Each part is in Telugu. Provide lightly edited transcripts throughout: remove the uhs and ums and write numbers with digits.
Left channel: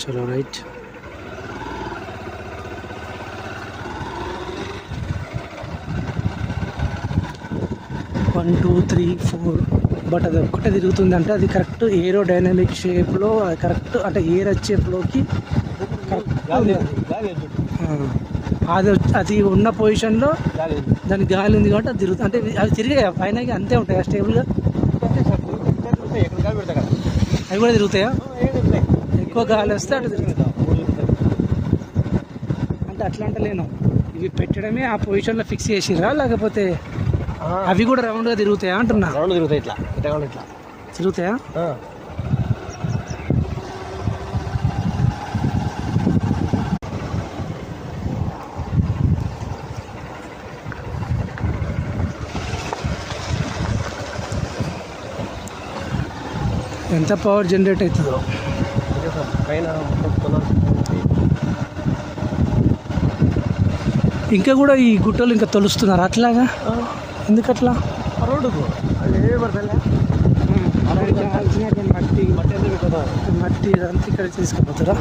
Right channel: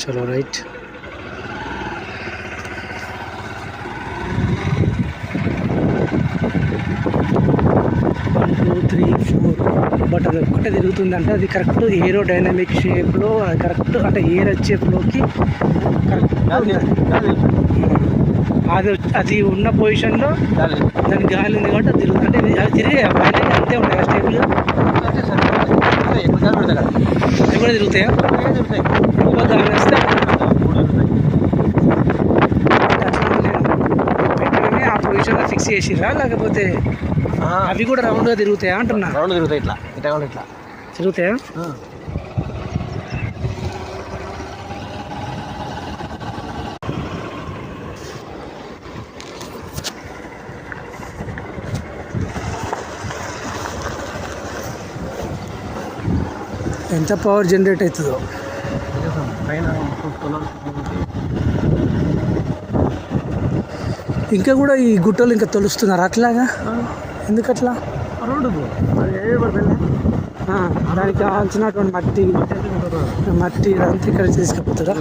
చలో right. One two three four. But అది ఒక్కటే తిరుగుతుంది అంటే అది కరెక్ట్ ఏరోడైనమిక్ షేప్లో, అది కరెక్ట్ అంటే ఎయిర్ వచ్చే ఫ్లోకి కరెక్ట్ అది అది ఉన్న పొజిషన్లో దాని గాలి ఉంది కాబట్టి అది తిరుగుతుంది. అంటే అవి తిరిగే పైన అంతే ఉంటాయి స్టేబుల్గా. అవి కూడా తిరుగుతాయా? ఎక్కువ గాలి వస్తే పెట్టడమే ఆ పొజిషన్లో ఫిక్స్ చేసిరా, లేకపోతే అవి కూడా రౌండ్గా తిరుగుతాయా అంటున్నా? రౌండ్ తిరుగుతాయి, ఇట్లా ఇట్లా తిరుగుతాయా? ఎంత పవర్ జనరేట్ అవుతుందో పైన. ఇంకా కూడా ఈ గుట్టలు ఇంకా తొలుస్తున్నారు అట్లాగా? ఎందుకు అట్లా? రోడ్డు దానికి కావాల్సినటువంటి మట్టి అంతా ఇక్కడ తీసుకుపోతుందా?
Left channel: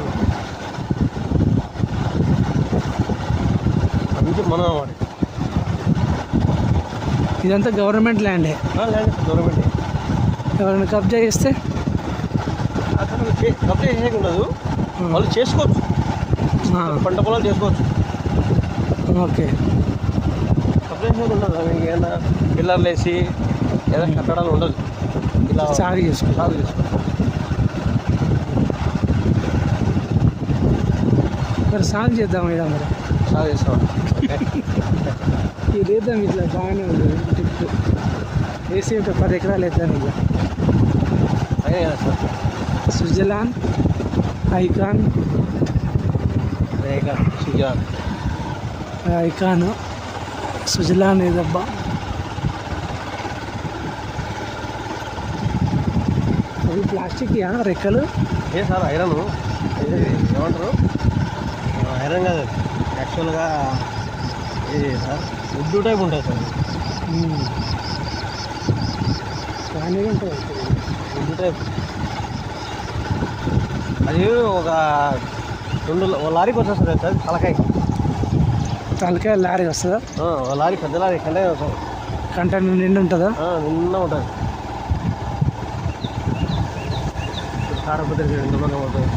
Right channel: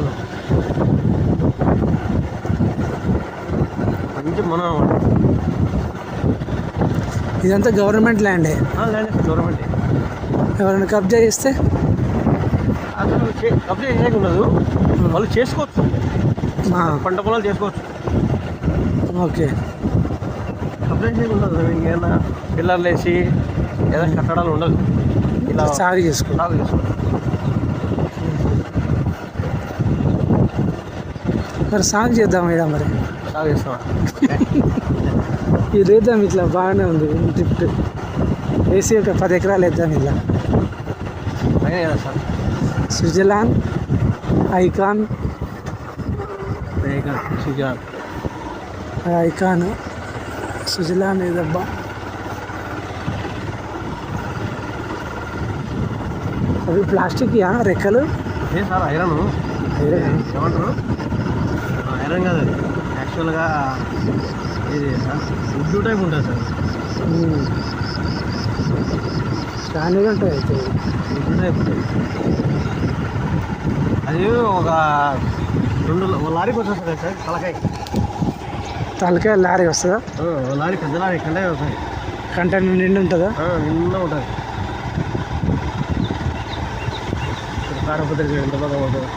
మనం ఇదంతా గవర్నమెంట్ ల్యాండే. గవర్నమెంట్ ఎవరైనా కబ్జా చేస్తే కబ్జా చేసేది ఉండదు, వాళ్ళు చేసుకోవచ్చు, పంట పొలాలు చేసుకోవచ్చు. ఓకే. కబ్జా చేసేది ఉండదు, ఏదైనా పిల్లర్లు వేసి ఏదైనా కట్టడాలు ఉండదు, ఇలా సాగు చేసుకో. మరి సాగు చేద్దాం ఇక, మరి సాగు చేస్తాం. ఇది వేద్దాం, ఇట్లా బాగానే ఉంది లిఫ్ట్ వేసి ఒక 10 ఎకరాలు వేద్దాం ఇలా. స్విట్జర్లాండ్ ఐకాన్ స్విట్జర్లాండ్ ఇదబ్బా. అవి ప్లాస్టిక్ రెక్కలు సార్. ఐరన్ ఏమంటారు? ఐరన్ కాదు, యాక్చువల్గా ఇది ఉద్దు టైప్ ఉంటుంది సార్. స్టాండర్డ్ ఉంటుంది అయితే ఉద్దు టైప్. అది ఒక 2 లారీకి వచ్చేస్తుంది సార్. తలకాయ లారీ వస్తుందా? లారీ, పెద్ద లారీ కంటే వస్తాయి. కంటైనర్ నిండి ఉంటుందా? నిన్న ఉంటుంది. తాడపత్రి ఎంత బాగా ఉంటుంది.